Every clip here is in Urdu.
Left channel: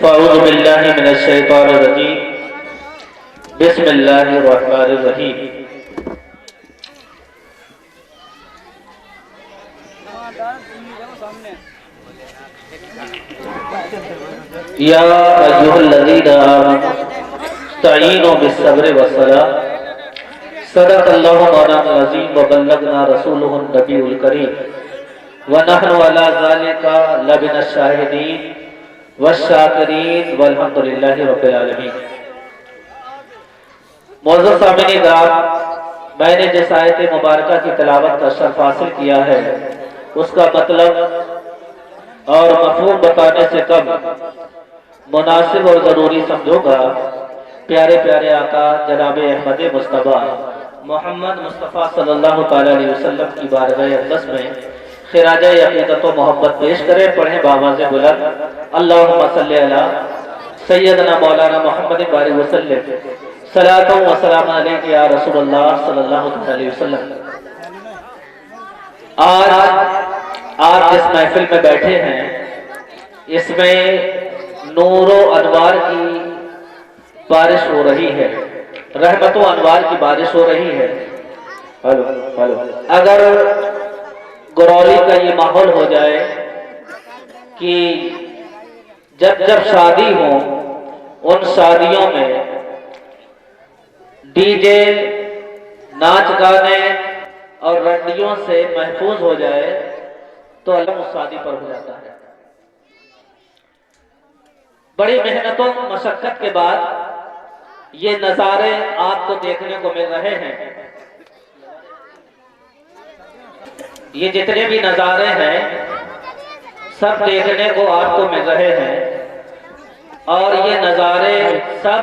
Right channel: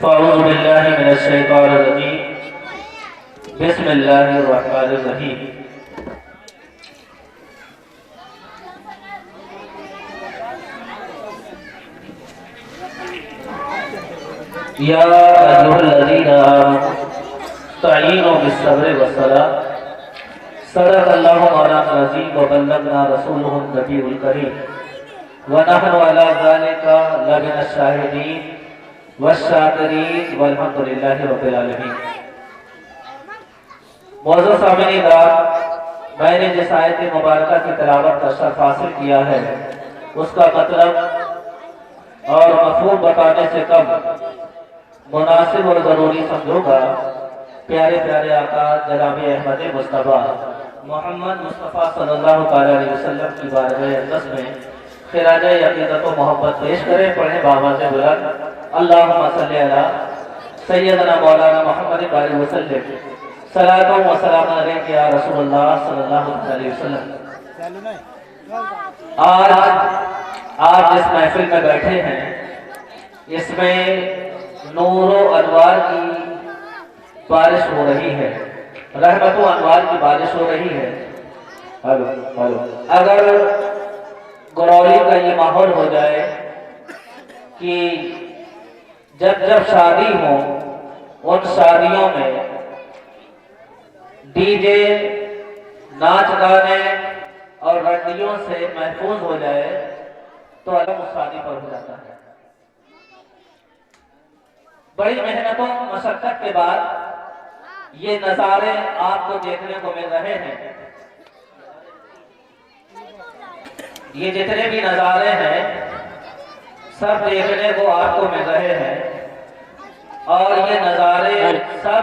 فاعوذ باللہ من الشیطان الرجیم بسم اللہ الرحمن الرحیم یا ایھا الذین آمنوا استعینوا بالصبر والصلاۃ صدق اللہ مولانا العظیم وبلغنا رسولہ النبی الکریم ونحن علی ذلک لمن الشاہدین والشاکرین والحمد للہ رب العالمین۔ معزز سامعین کرام، میں نے جس آیت مبارکہ کی تلاوت کا شرف حاصل کیا ہے اس کا مطلب اور مفہوم بتانے سے کم مناسب اور ضروری سمجھو گا۔ پیارے پیارے آقا جناب احمد مصطفیٰ محمد مصطفیٰ صلی اللہ علیہ وسلم کی بارگاہ اقدس میں خراج عقیدت و محبت پیش کریں۔ پڑھیں بآواز بلند اللہم صلی علی سیدنا مولانا محمد علیہ وسلم صلاۃ و سلام علیک یا رسول اللہ صلی اللہ علیہ وسلم۔ آج جس محفل میں بیٹھے ہیں اس میں نور و انوار کی بارش ہو رہی ہے، رحمت و انوار کی بارش ہو رہی ہے۔ اگر گرولی کا یہ ماحول ہو جائے کہ جب جب شادی ہو ان شادیوں میں ڈی جے ناچ گانے اور رنڈیوں سے محفوظ ہو جائے تو علم اس شادی پر ہو جاتا ہے۔ بڑی محنتوں مشقت کے بعد یہ نظارے آپ کو دیکھنے کو مل رہے ہیں۔ یہ جتنے بھی نظارے ہیں سب دیکھنے کو آپ کو مل رہے ہیں، اور یہ نظارے سب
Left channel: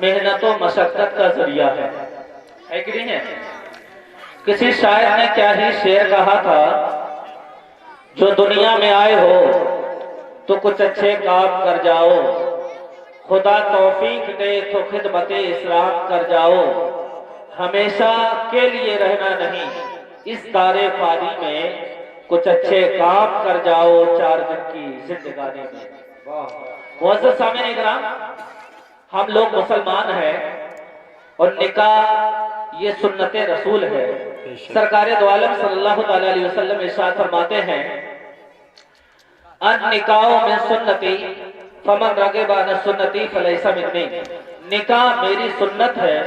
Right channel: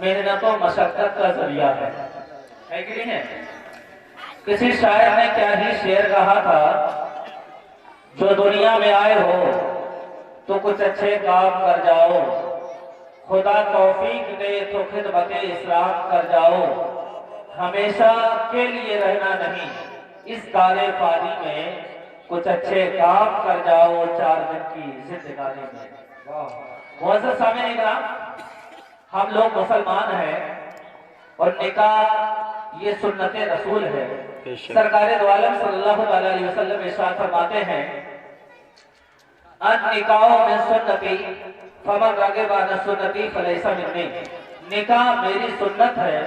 محنت و مشقت کا ذریعہ ہے کہ نہیں ہے؟ کسی شاعر نے کیا ہی شعر کہا تھا، جو دنیا میں آئے ہو تو کچھ اچھے کام کر جاؤ، خدا توفیق دے تو خدمت اسلام کر جاؤ، ہمیشہ کے لیے رہنا نہیں اس دار فانی میں، کچھ اچھے کام کر جاؤ چار دن کی زندگانی میں۔ معزز سامعین کرام، ہم لوگ مسلمان ہیں اور نکاح یہ سنت رسول ہے۔ سرکار دو عالم صلی اللہ علیہ وسلم ارشاد فرماتے ہیں النکاح من سنتی فمن رغب عن سنتی فلیس منی۔ نکاح میری سنت ہے،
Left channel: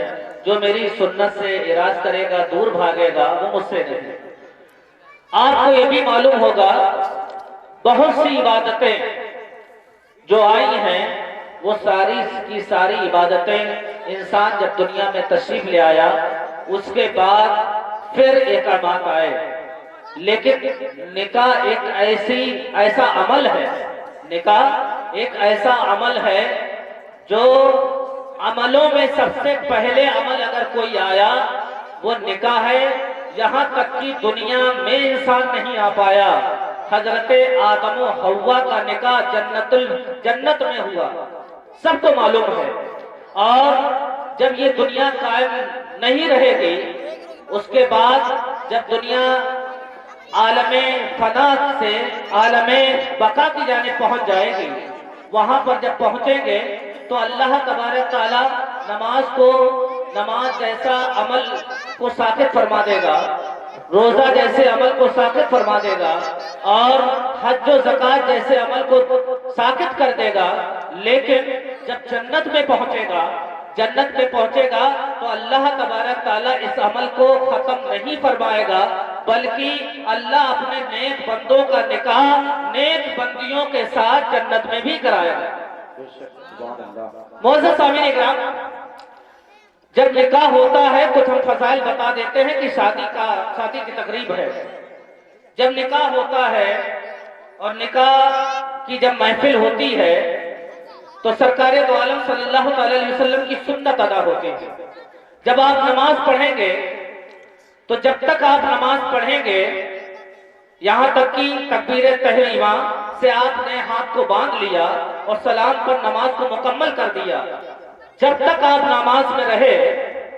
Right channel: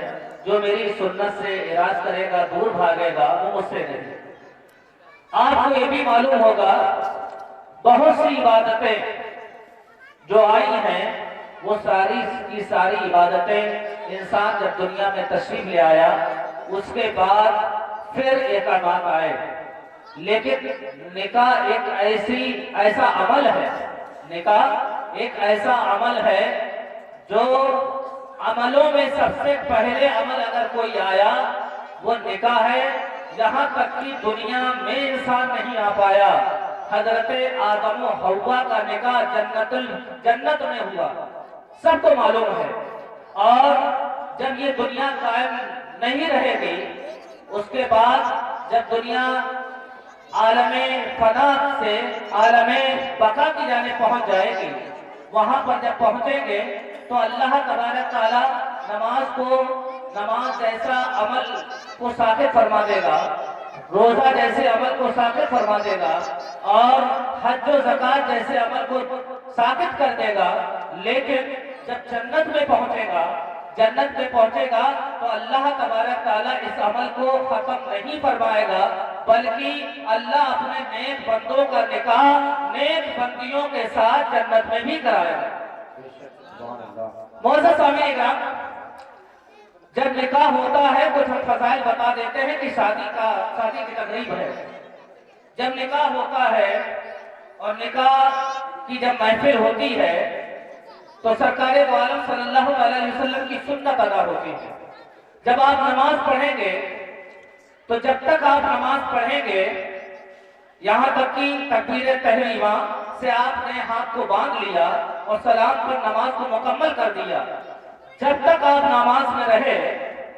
جو میری سنت سے اراض کرے گا، دور بھاگے گا، وہ مجھ سے نہیں۔ آپ کو یہ بھی معلوم ہوگا بہت سی عبادتیں جو آئی ہیں وہ ساری کی ساری عبادتیں انسان جب دنیا میں تشریف لے آیا اس کے بعد پھر احکامات آئے، لیکن نکاح ایک ایسا عمل ہے، نکاح ایک ایسا عمل ہے جو عملوں میں سب سے پہلے عمل اگر کوئی آیا وہ نکاح ہے۔ یہاں تک کہ دنیا میں انسان نہیں آ پایا، حضرت آدم و حوا کا نکاح جنت میں ہوا، سب کو معلوم ہے۔ اور جب یہ دنیا قائم نہیں رہے گی اس کے بعد جب دنیا عالم فنا سے عالم بقا کی جانب پہنچ جائے گی، وہاں پر جب پہنچیں گے تو اللہ تبارک تعالیٰ نماز جیسا عمل کو ساقط فرما دے گا، روزہ جیسے عمل کو ساقط فرما دے گا، اور حج و زکوٰۃ جیسے عمل کو ساقط کر دے گا۔ لیکن جب جنت میں پہنچے گا تو اللہ تبارک تعالیٰ اس عمل کو ختم نہیں فرمائے گا، بلکہ اللہ اپنے نیک بندوں کا نکاح نیک بندیوں کے ساتھ جنت میں بھی کرائے گا۔ معزز سامعین کرام، جب نکاح ہوتا ہے کچھ ہم فضائل بتا دیتے ہیں کہ شادی کی تقریب ہے۔ جب نکاح ہوتا ہے اور نکاح کی جب محفل ہوتی ہے تو سرکار دو عالم صلی اللہ علیہ وسلم کی سنت ادا ہوتی ہے۔ جب آپ نماز پڑھیں گے تو جب تک آپ نماز پڑھیں گے یہاں تک کہ تکبیر تحریمہ سے آپ نے ہاتھ کو باندھ لیا اور سلام پر نماز کو مکمل کر دیا، جب تک آپ نماز میں رہے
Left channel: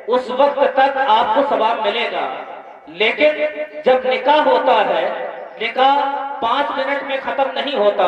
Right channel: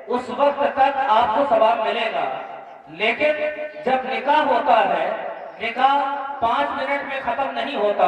اس وقت تک آپ کو ثواب ملے گا۔ لیکن جب نکاح ہوتا ہے، نکاح 5 منٹ میں ختم نہیں ہوتا،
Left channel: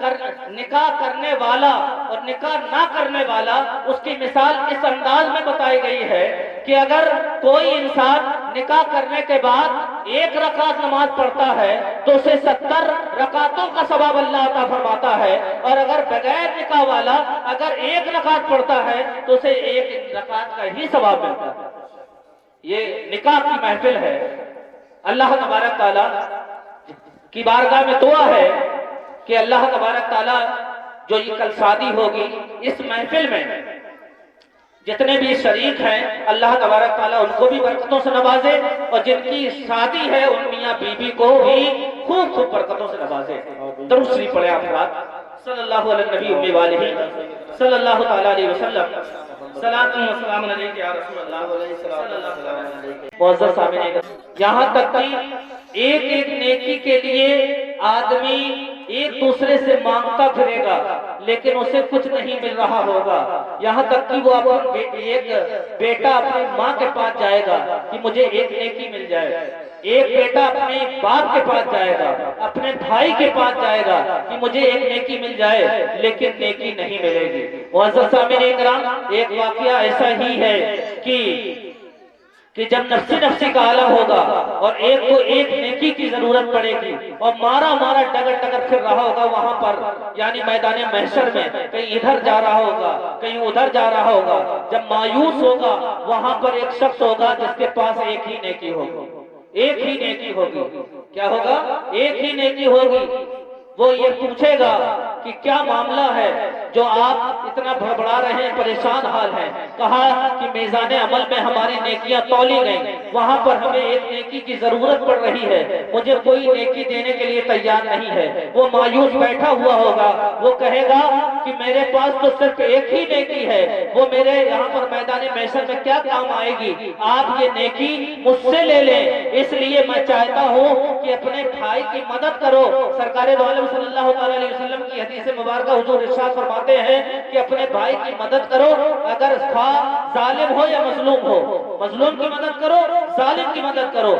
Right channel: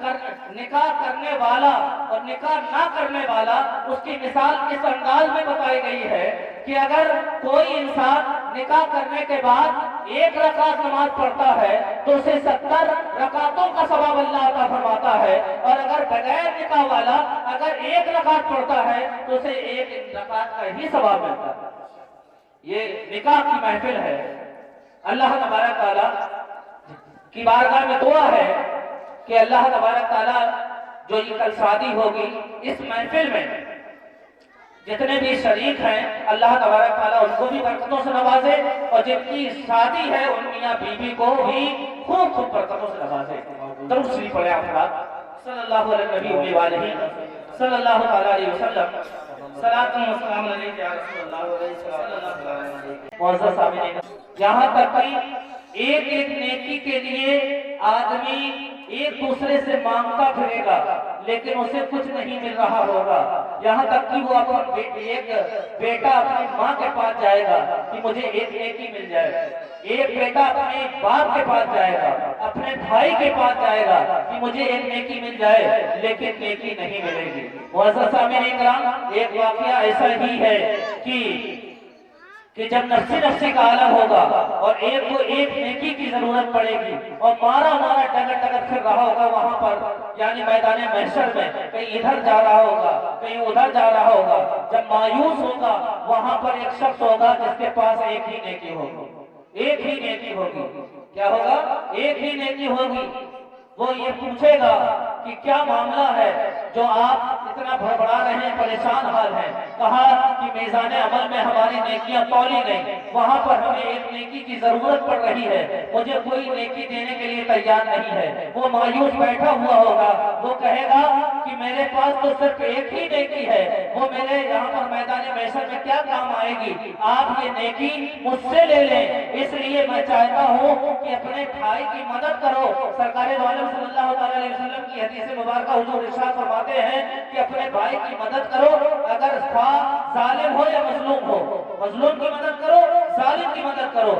نکاح کرنے والا اور نکاح نہ کرنے والا، اس کی مثال اس انداز میں بتائی گئی ہے کہ اگر کوئی انسان نکاح کرنے کے بعد 1 رکعت نماز پڑھتا ہے تو اسے 70 رکعتوں کا ثواب اللہ عطا فرماتا ہے، اور اگر بغیر نکاح والا اگر 1 رکعت پڑھتا ہے تو اسے 1 رکعت کا ہی ثواب ملتا ہے۔ یہ نکاح کی محفل ہے۔ اللہ تبارک تعالیٰ کی بارگاہ میں دعا ہے کہ اللہ تبارک تعالیٰ جو یہ کل شادی ہوگی، اس محفل میں جتنے بھی شریک ہیں، اللہ تبارک تعالیٰ ان کو بھی برکتوں سے نوازے، اور جن کی شادی ہے ان میاں بیوی کو بھی خوب خوب برکتوں سے نوازے۔ درود شریف پڑھیں آپ حضرات، صلی اللہ علیہ نبی وآلہ صلی اللہ تعالیٰ علیہ وسلم۔ صلاۃ و سلام علیک یا رسول اللہ صلی اللہ علیہ وسلم۔ معزز سامعین، یہاں تک کہ ایک ایک نیکی کے لیے آدمی ایک دوسرے سے مانگتا پھرے گا لیکن اسے کچھ نہیں مل رہا ہوگا، یہاں تک کہ وہ ایک بیٹا اپنی ماں کے پاس جائے گا کہ مجھے ایک نیکی مل جائے، ایک بیٹا اپنے باپ کے پاس جائے گا، اپنے بھائی کے پاس جائے گا کہ مجھے ایک نیکی مل جائے، لیکن نیکی نہیں ملے گی۔ معزز سامعین کرام، ایک واقعہ ایسا ہی ہے کہ جب نفسی کا عالم ہوگا اور ایک کو ایک نیکی کی ضرورت پڑے گی اور مارا ڈگر پھر رہا ہوگا وہاں پر، یعنی میدان محشر میں کہیں ادھر جا رہا ہوگا کہیں ادھر جا رہا ہوگا، جب مایوس ہوگا وہاں پر ایک شخص ہوگا جس کے پاس ایک ہی نیکی ہوگی، ایک ہی نیکی ہوگی۔ کیا ہوگا؟ ایک ہی نیکی ہوگی۔ وہ یہ پوچھے گا کہ کیا معاملہ ہے جو آپ اتنا بڑبڑا رہے ہیں، پریشان حال ہیں؟ کہا کہ میزان عمل میں ہماری نیکیاں تولی گئیں، وہاں پر ہمیں ایک نیکی کی ضرورت پڑ رہی ہے، مجھے کوئی نیکی دینے کے لیے تیار نہیں ہے۔ وہ مایوس بیٹھا ہوا ہوگا، وہ کہے گا کہ میرے پاس تو صرف ایک ہی نیکی ہے، وہ میرے یہاں پر میدان محشر میں کیا کام آئے گی؟ آپ یہ نیکی مجھ سے لے لیں، اس لیے میں چاہتا ہوں کہ اپنے بھائی کی مدد کرو۔ سرکار دو عالم صلی اللہ علیہ وسلم کی حدیث مبارکہ حضور ارشاد فرماتے ہیں کہ اپنے بھائی کی مدد کرو، اگر ظالم ہو یا مظلوم ہو، مظلوم کی مدد کرو، ظالم کی مدد کرو۔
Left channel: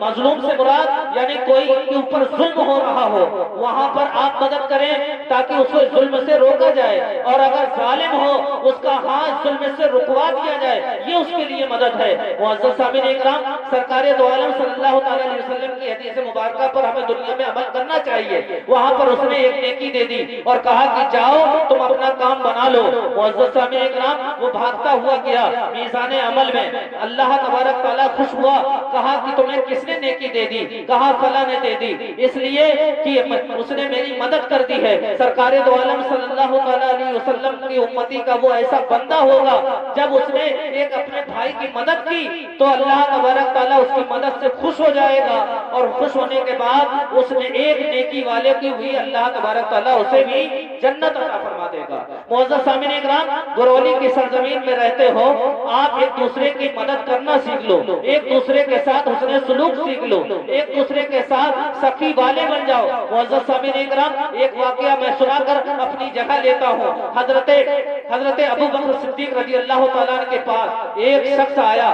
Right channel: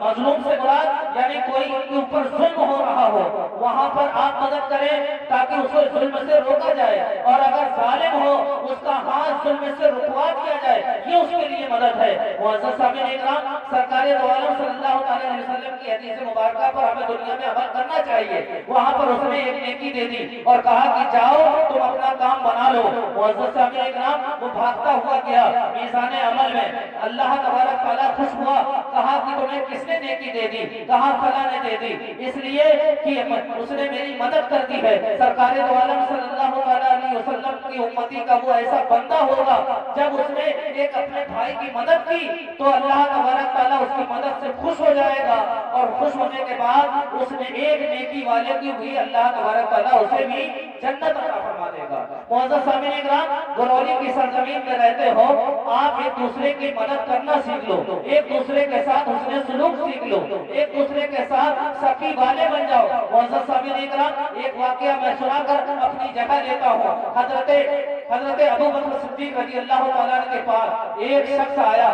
مظلوم سے مراد یعنی کوئی کے اوپر ظلم ہو رہا ہو، وہاں پر آپ مدد کریں تاکہ اس کو ظلم سے روکا جائے، اور اگر ظالم ہو اس کا ہاتھ ظلم سے رکوا دیا جائے، یہ اس کے لیے مدد ہے۔ معزز سامعین اکرام، سرکار دو عالم صلی اللہ علیہ وسلم کی حدیث مبارکہ پر ہمیں دنیا میں عمل کرنا چاہیے۔ وہاں پر اس نے ایک نیکی دے دی اور کہا کہ جاؤ تم اپنا کام بنا لو۔ معزز سامعین اکرام، وہ بھاگتا ہوا گیا میزان عمل میں، اللہ تبارک تعالیٰ خوش ہوا، کہا کہ تمہیں کس نے نیکی دے دی؟ کہا فلاں نے دے دی، اس لیے کہ اس نے میری مدد کر دی ہے۔ سرکار دو عالم صلی اللہ علیہ وسلم کی امتی کا وہ ایسا بندہ ہوگا جب اس نے ایک اپنے بھائی کی مدد کی تو اللہ تبارک تعالیٰ اس کی مدد سے خوش ہو جائے گا، اور خوش ہونے کے بعد اس نے ایک نیکی والے کی ہوئی اللہ تبارک تعالیٰ اسے بھی جنت عطا فرما دے گا۔ معزز سامعین اکرام، غرولی کی سرزمین میں رہتے ہو، آپ ایک دوسرے کی مدد کرنا سیکھ لو، ایک دوسرے کے ساتھ حسن سلوک سیکھ لو، ایک دوسرے کے ساتھ سخی والے بن جاؤ۔ معزز سامعین اکرام، ایک واقعہ میں سنا کر اپنی جگہ لیتا ہوں۔ حضرت ابو بکر صدیق رضی اللہ تعالیٰ کے پاس ایک شخص آیا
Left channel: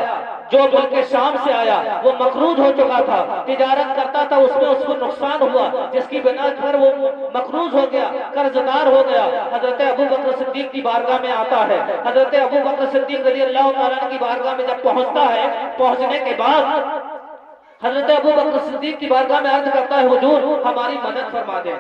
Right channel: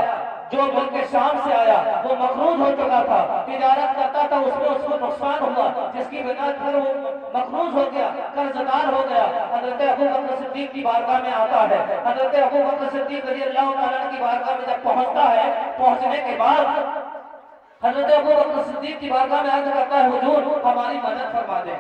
جو ملک شام سے آیا، وہ مقروض ہو چکا تھا، تجارت کرتا تھا، اس میں اس کو نقصان ہوا جس کی بنا پر وہ مقروض ہو گیا، قرض دار ہو گیا۔ حضرت ابو بکر صدیق کی بارگاہ میں آتا ہے۔ حضرت ابو بکر صدیق رضی اللہ تعالیٰ کی بارگاہ میں جب پہنچتا ہے، پہنچنے کے بعد حضرت ابو بکر صدیق کی بارگاہ میں عرض کرتا ہے حضور ہماری مدد فرما دیں،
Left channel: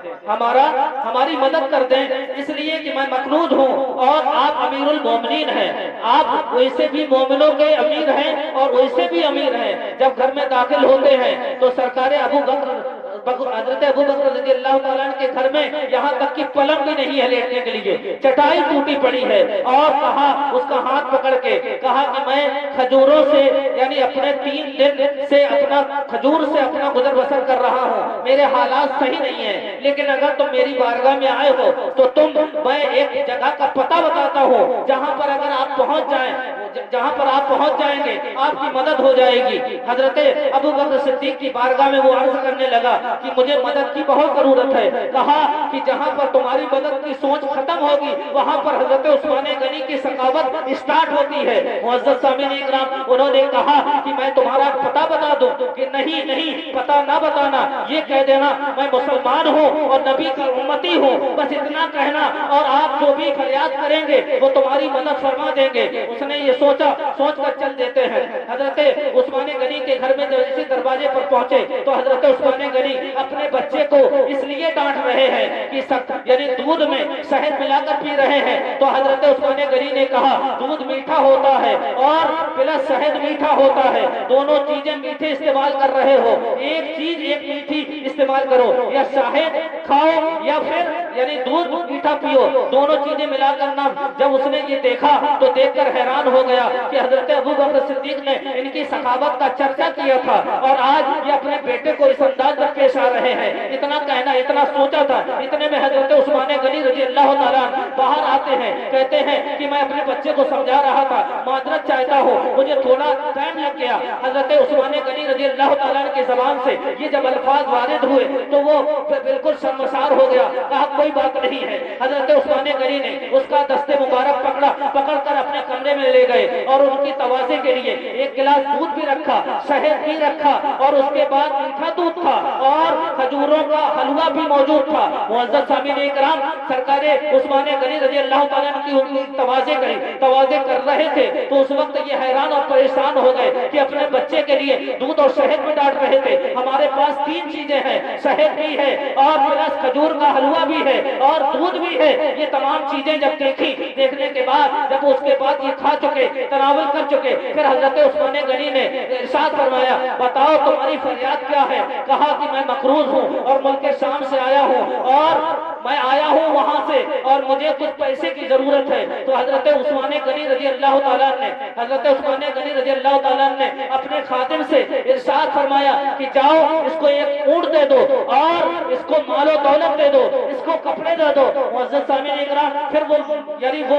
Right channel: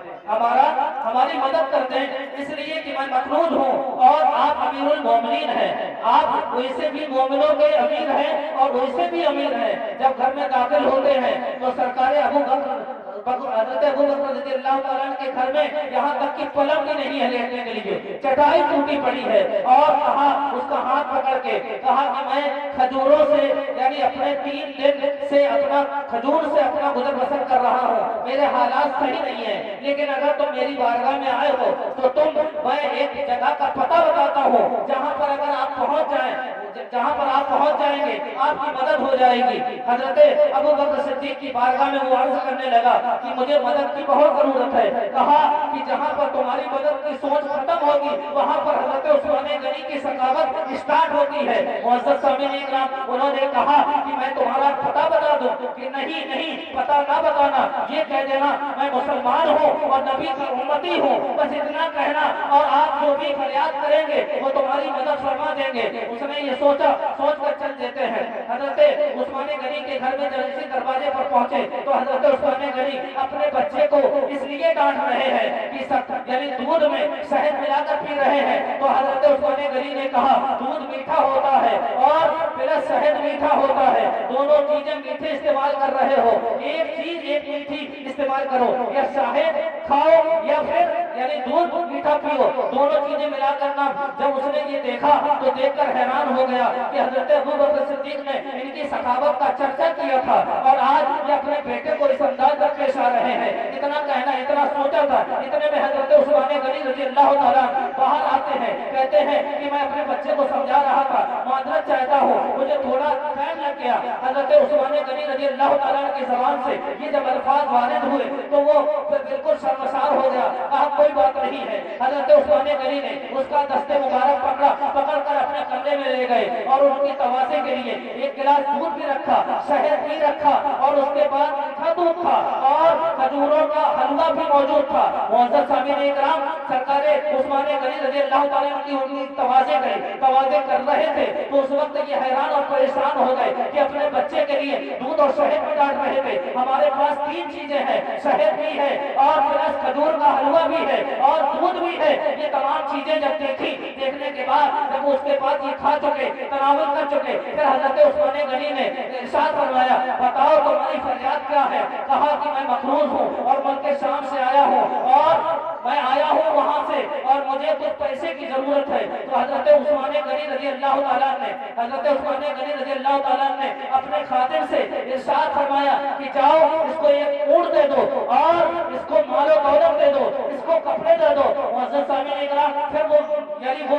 ہماری مدد کر دیں، اس لیے کہ میں مقروض ہوں اور آپ امیر المومنین ہیں، آپ ویسے بھی مومنوں کے امیر ہیں اور ویسے بھی امیر ہیں۔ جب گھر میں داخل ہوتے ہیں تو سرکار حضرت ابو بکر رضی اللہ تعالیٰ کے گھر میں یہاں تک کہ پلنگ بھی نہیں ہے لیٹنے کے لیے، چٹائی ٹوٹی پڑی ہے، اور کہا اس کا ہاتھ پکڑ کے کہا کہ میں کھجوروں سے یعنی اپنے 3 دن سے اپنا کھجور سے اپنا گزر بسر کر رہا ہوں، میرے حالات صحیح نہیں ہیں، لیکن اگر تم میری بارگاہ میں آئے ہو تو میں ایک جگہ کا پتہ بتاتا ہوں جہاں پر اگر آپ آپ پہنچ جائیں، جہاں پر آپ پہنچ جائیں گے آپ کی مدد ہو جائے گی۔ حضرت ابو بکر صدیق کی بارگاہ میں وہ عرض کرنے لگا کہ مجھے مدد کی بہت ضرورت ہے۔ کہا کہ جہاں پر تمہاری مدد کی سوچ ختم ہوگی وہاں پر حضرت عثمان غنی کی ثقافت اسٹارٹ ہوتی ہے۔ معزز سامعین اکرام، انہوں نے کہا کہ میں تمہارا پتہ بتا دوں کہ نہیں پتہ نہ بتانا، یہ کہہ دینا میں مسلمان ہوں اور نبی کا امتی ہوں، بس اتنا کہنا، اور آپ جو بھی فریاد کریں گے وہ تمہاری مدد فرما دیں گے۔ اس نے یہ سوچ کر چل دیتے ہیں۔ حضرت عثمان غنی کے گھر میں جب اسی دروازے پر پہنچے تو حضرت عثمان غنی اپنے بچے کو اس لیے ڈانٹ رہے ہیں کہ یعنی دودھ میں شہد ملا کر پی رہے ہیں، تو حضرت عثمان غنی نے کہا دودھ میٹھا ہوتا ہے اور پلس شہد میٹھا ہوتا ہے، دونوں چیزیں میٹھے استعمال کر رہے ہو، ایک چیز ایک میٹھی استعمال کرو، یا شہد کھاؤ یا پھر یعنی دودھ میٹھا پیو، دونوں چیزیں ملا کر نہ۔ جب اس نے یہ دیکھا تو دیکھ کر حیران ہو گیا کہ حضرت ابو بکر صدیق نے ان کی سخاوت کا چرچا کیا تھا اور آج یہ اپنے بیٹے کو اس انداز میں پیش آ رہے ہیں۔ اتنا کہنا، اتنا سوچا تھا، اتنے میں حضرت عثمان غنی رضی اللہ تعالیٰ باہر آتے ہیں، کہتے ہیں کہ میں اپنے بچے کو سمجھا رہا تھا، معذرت چاہتا ہوں، مجھے تھوڑا ٹائم لگ گیا۔ حضرت عثمان غنی رضی اللہ تعالیٰ کی زبان سے یہ جب الفاظ وارد ہوئے تو وہ بالکل شرمسار ہو گیا، کہا کوئی بات نہیں ہے۔ حضرت عثمان غنی نے اس کا دست مبارک پکڑ کر اپنے کمرے میں لے گئے اور ان کی توازے کے لیے ایک گلاس دودھ بھی رکھا، شہد بھی رکھا، اور اس کے بعد میٹھا دودھ تھا اور کھجوروں کا حلوہ بھی موجود تھا۔ معزز سامعین اکرام، سرکار عثمان غنی رضی اللہ تعالیٰ کی توازے کر رہے تھے تو اس وقت یہ حیران اور پریشان ہو گئے کہ اپنے بچے کے لیے دودھ اور شہد بھی ڈانٹ رہے تھے، ہمارے پاس تین چیزیں ہیں، شہد بھی ہے اور پلس کھجور کا حلوہ بھی ہے اور دودھ بھی ہے۔ یہ تمام چیزیں جب دیکھنے کے بعد جب اس کے بعد یہ کھا چکے، تناول کر چکے، پھر حضرت عثمان غنی نے ارشاد فرمایا بتاؤ تمہاری فریاد کیا ہے؟ کہا کہ میں مقروض ہوں اور ملک شام سے آیا ہوں اور میں آیا ہوں وہاں سے اور مجھے کچھ پیسے کی ضرورت ہے۔ تو حضرت عثمان غنی رضی اللہ تعالیٰ نے اپنے خادم سے ارشاد فرمایا کہ جاؤ اس کو ایک اونٹ دے دو اور اس کو مال و دولت دے دو، اس کو کپڑے دے دو۔ معزز سامعین اکرام، پھر وہ یعنی وہ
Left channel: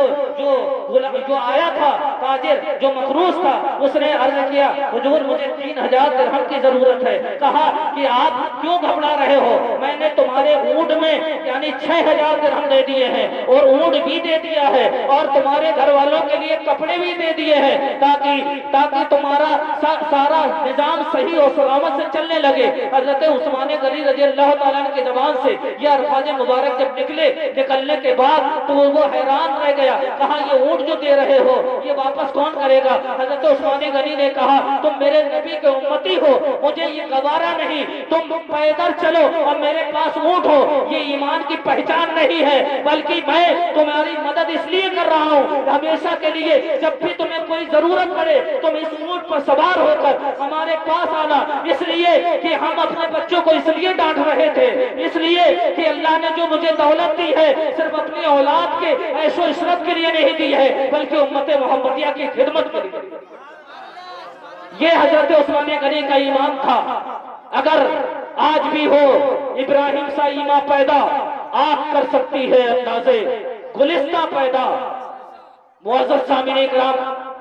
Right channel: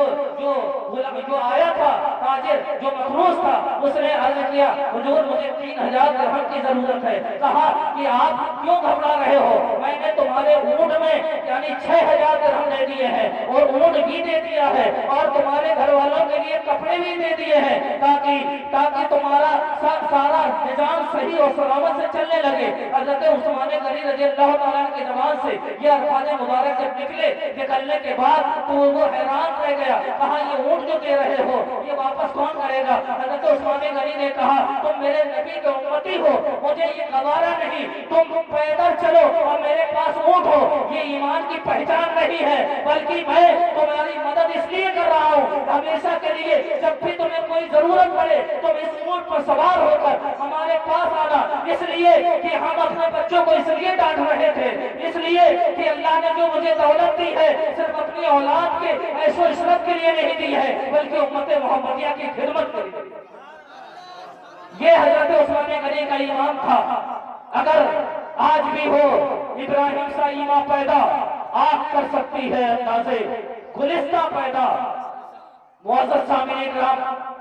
جو آیا تھا تاجر جو مقروض تھا اس نے عرض کیا حضور مجھے 3000 درہم کی ضرورت ہے۔ کہا کہ آپ کیوں گھبرا رہے ہو، میں نے تمہارے اونٹ میں یعنی 6000 درہم دے دیے ہیں اور اونٹ بھی دے دیا ہے اور تمہارے گھر والوں کے لیے کپڑے بھی دے دیے ہیں تاکہ تمہارا سارا نظام صحیح اور سلامت سے چلنے لگے۔ حضرت عثمان غنی رضی اللہ تعالیٰ کی زبان سے یہ الفاظ مبارک جب نکلنے کے بعد تو وہ حیران رہ گیا، کہا یہ اونٹ جو دے رہے ہو یہ واپس کون کرے گا؟ حضرت عثمان غنی نے کہا تم میرے نبی کے امتی ہو، مجھے یہ گوارا نہیں، تم پیدل چلو اور میرے پاس اونٹ ہو، یہ ایمان کی پہچان نہیں ہے، بلکہ میں تمہاری مدد اس لیے کر رہا ہوں ہمیشہ کے لیے جب بھی تمہیں کوئی ضرورت پڑے تم اس اونٹ پر سوار ہو کر ہمارے پاس آنا، اس لیے کہ ہم اپنے بچوں کو اس لیے ڈانٹ رہے تھے، اس لیے کہ اللہ نے جو مجھے دولت دی ہے صرف اپنی اولاد کے عیش و عشرت کے لیے نہیں دی ہے بلکہ امت محمدیہ کی خدمت کے لیے۔ یہ حضرت عثمان غنی کا ایمان تھا۔ اگر آج بھی ہو ابراہیم سا ایمان پیدا آگ کر سکتی ہے اندازے گلستہ پیدا۔ معزز سامعین اکرام،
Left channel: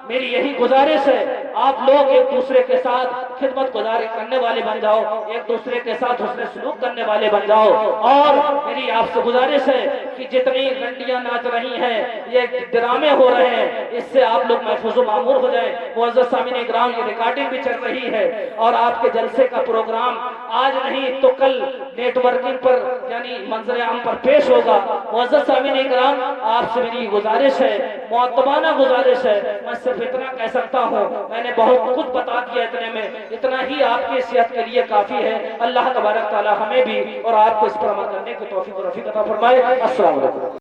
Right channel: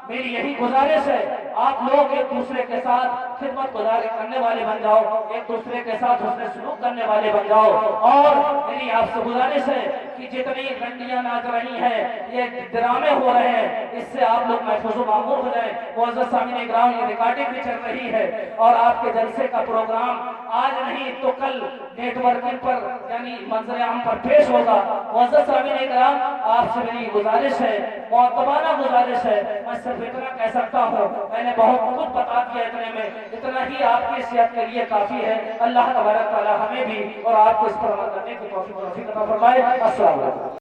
میری یہی گزارش ہے آپ لوگ ایک دوسرے کے ساتھ خدمت گزاری کرنے والے بن جاؤ، ایک دوسرے کے ساتھ حسن سلوک کرنے والے بن جاؤ، اور میری آپ سے گزارش ہے کہ جتنی رنڈیاں ناچ رہی ہیں یہ ڈرامے ہو رہے ہیں اس سے آپ لوگ محفوظ و معمور ہو جائیں۔ معزز سامعین اکرام، یہ ریکارڈنگ بھی چل رہی ہے اور آپ کے جلسے کا پروگرام آج نہیں تو کل نیٹ ورکنگ پر یعنی منظر عام پر پیش ہوگا۔ معزز سامعین اکرام، آپ سے میری گزارش ہے، معتبانہ گزارش ہے، میں صرف اتنا کہہ سکتا ہوں، میں نے بہت کچھ بتا دیا اتنے میں، اتنا ہی آپ کی صحت کے لیے کافی ہے۔ اللہ تبارک تعالی ہمیں بھی اور آپ کو اس پر عمل کرنے کی توفیق عطا فرمائے۔ السلام علیکم۔